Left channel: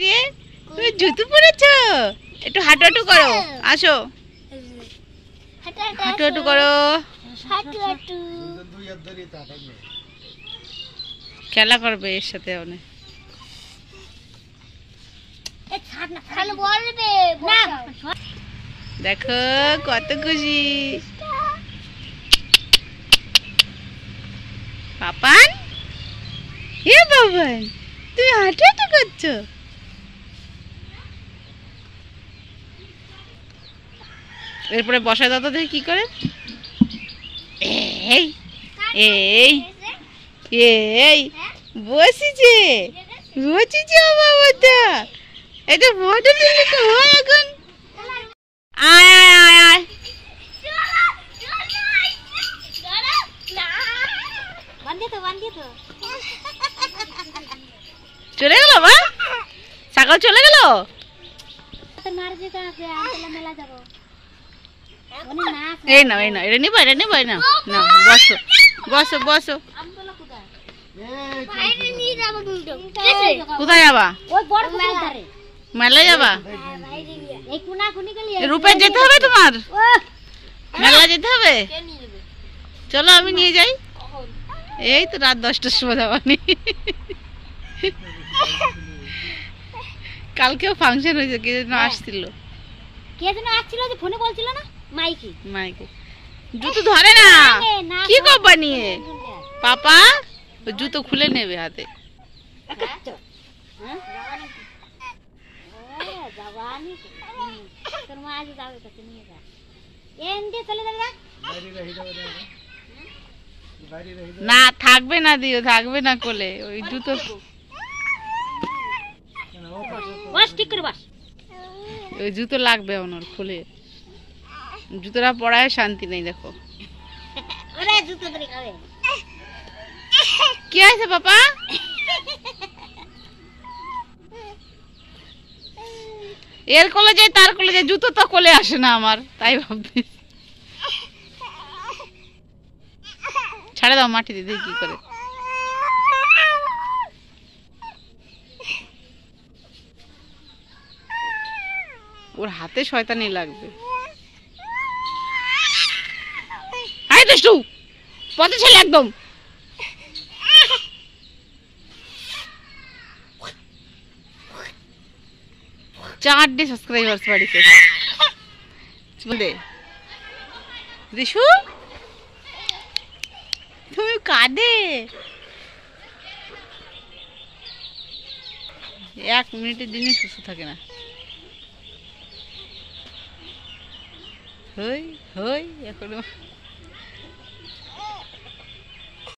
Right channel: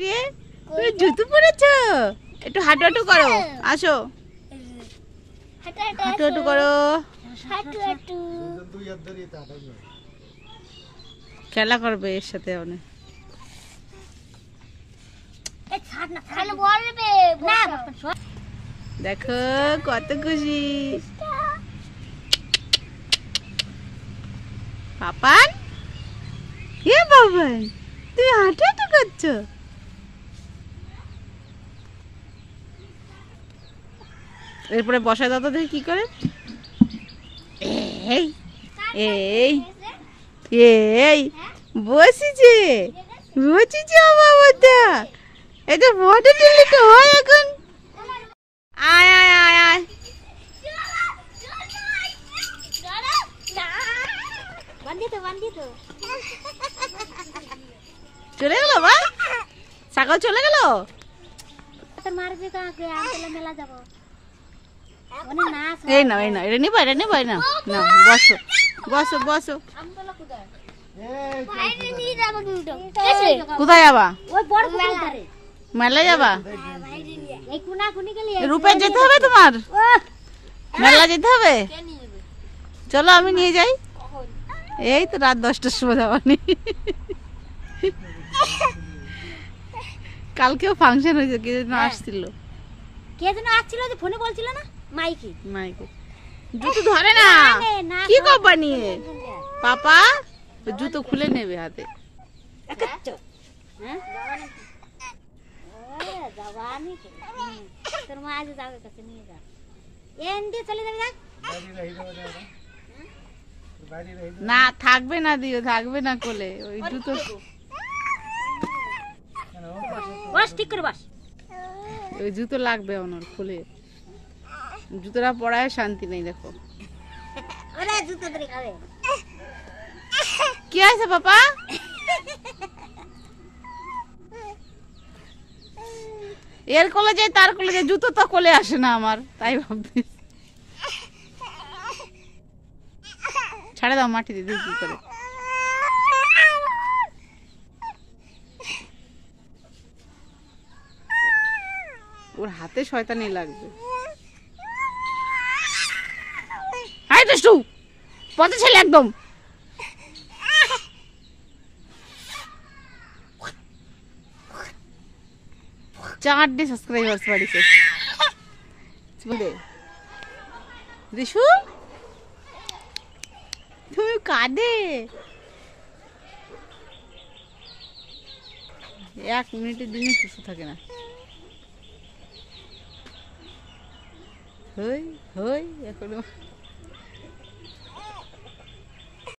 রে তুমি জুতো পরেছো, একটু হাঁটু হাঁটু করো, আসো হাঁটু হাঁটু করো, খেলা করবে এর সাথে অনেক। দেখো কত খুশি পাপান। হে বাবান, তুমি হাঁটু হাঁটু করছো। এরপরে বসায় দাদা দেখি কি করে। এই এই এই বসেছে বসেছে বাবাটা, এটা ফটো তুললে তো হয় এখন। আয় আয় আয় আয়, চলে গেল বা সকাল চলে গেল। এই না এই না, এটা নিবা এটা নিবা না, না বসো বসো বসো। কোথায় যাবা? মেলায় যাবা? রূপে যেতে হবে তোমার, মেলা যেতে হবে। চলো আমি নিয়ে যাই। এই তো রাত 10টার সময় যাবানি। কালকেও ফাংশন হয়েছে, কে যেন আসছিল, কে যেন আসছিল যে ফোনে বলছিল না, মাইকি মাইকে। জুতো ধরে না, কি করবা নিয়ে পাপা? জুতো খুলে নেবে হাতে। না থাকবে না, দিও থাকবে না কোলে, ওই জুতো ওই জুতো লাগবে ওনার খুলে। জুতোটা পরায় শান্তি নেই। দেখো কি আছে পাপা? এর কোলে যায় তার কোলে যায়, জুতো তো কোলে আসে না আমার, তাই ভাবতে। ছাড়ে দাও মাটি দিদি কি করে। ওর হাতে শয়তানি লাগবে। আয় দুষ্টু পথে ছেলে একদম। চারটে সাবস্ক্রাইবার্স বাড়িতে। রিশু তুমি কাঁদে, 1 মিনিটের জন্য সুস্থ থাকে না। হই হই এখনো